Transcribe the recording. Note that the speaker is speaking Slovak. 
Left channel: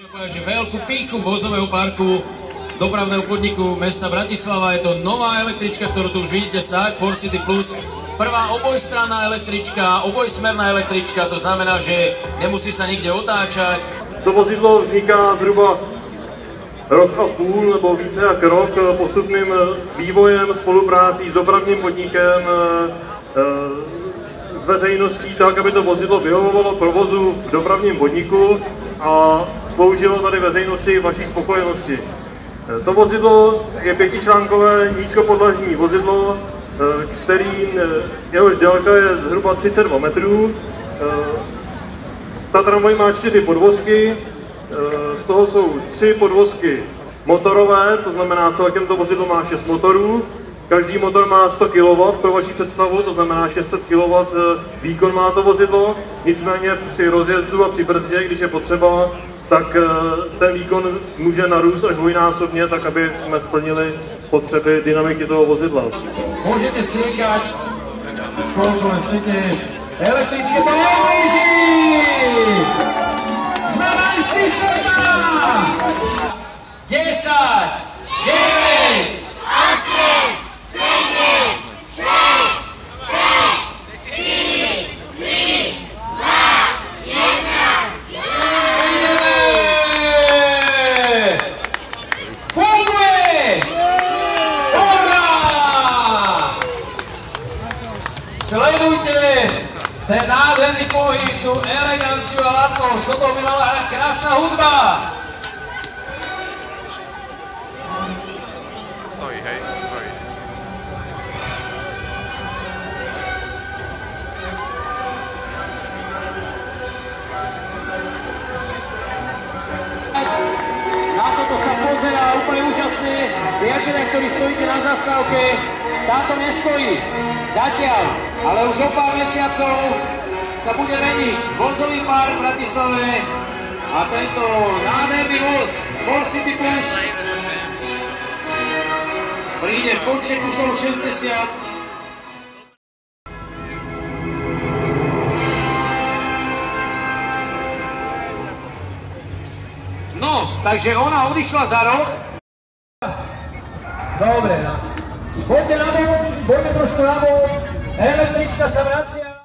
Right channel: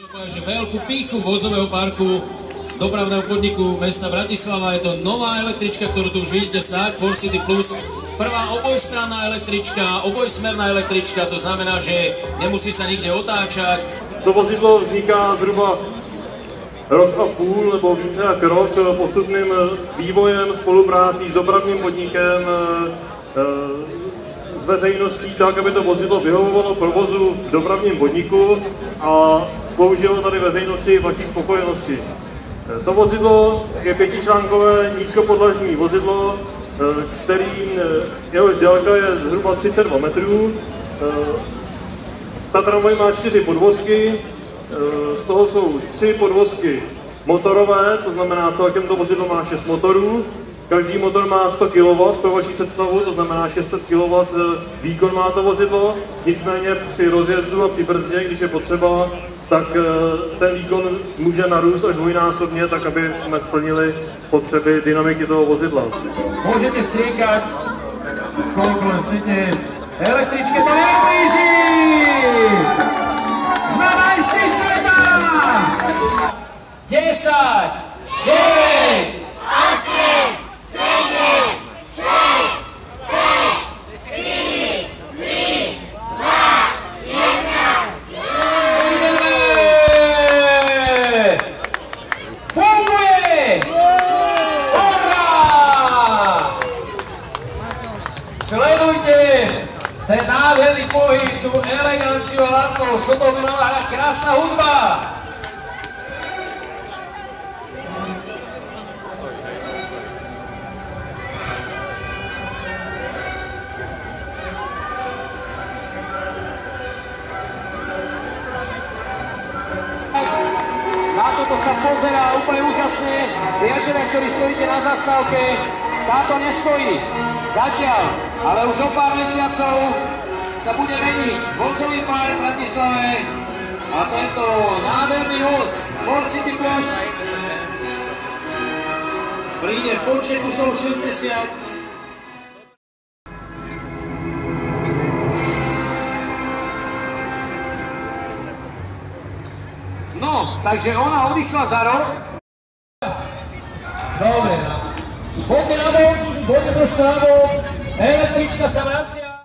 Takže veľkú pýchu vozového parku dopravného podniku mesta Bratislava. Je to nová električka, ktorú tu už vidíte stáť, ForCity Plus. Prvá obojstranná električka, obojsmerná električka, to znamená, že nemusí sa nikde otáčať. To vozidlo vzniká zhruba rok a půl nebo více jak rok postupným vývojem, spoluprácí s dopravním podnikem, s veřejností tak, aby to vozidlo vyhovovalo provozu v dopravním podniku a sloužilo tady veřejnosti vaší spokojenosti. To vozidlo je pětičlánkové nízkopodlažní vozidlo, jehož délka je zhruba 32 metrů. Ta tramvaj má 4 podvozky, z toho jsou 3 podvozky motorové, to znamená celkem to vozidlo má 6 motorů. Každý motor má 100 kW, pro vaši představu, to znamená 600 kW výkon má to vozidlo. Nicméně při rozjezdu a při brzdě, když je potřeba, tak ten výkon může narůst až dvojnásobně, tak aby jsme splnili potřeby dynamiky toho vozidla. Můžete striekať, koľko chcete. Električke to nejblíží! Sme majstri sveta! 10, 9, 8, 7, 6, 5, 4, 3, 2, 1. Ideme! Funguje! Hurá! Sledujte ten nádherný pohyb, tú eleganciu a ladnosť, toto by mala hrať krásna hudba. Na toto sa pozerá úplne úžasne. Priatelia, ktorí stojíte na zastávke, táto nestojí zatiaľ, ale už o pár mesiacov sa bude meniť vozový park v Bratislave a tento nádherný voz ForCity Plus príde v počte kusov 60. No, takže ona odišla za rok. Dobre, no. Poďte na bok, poďte trošku na bok. Električka sa vracia.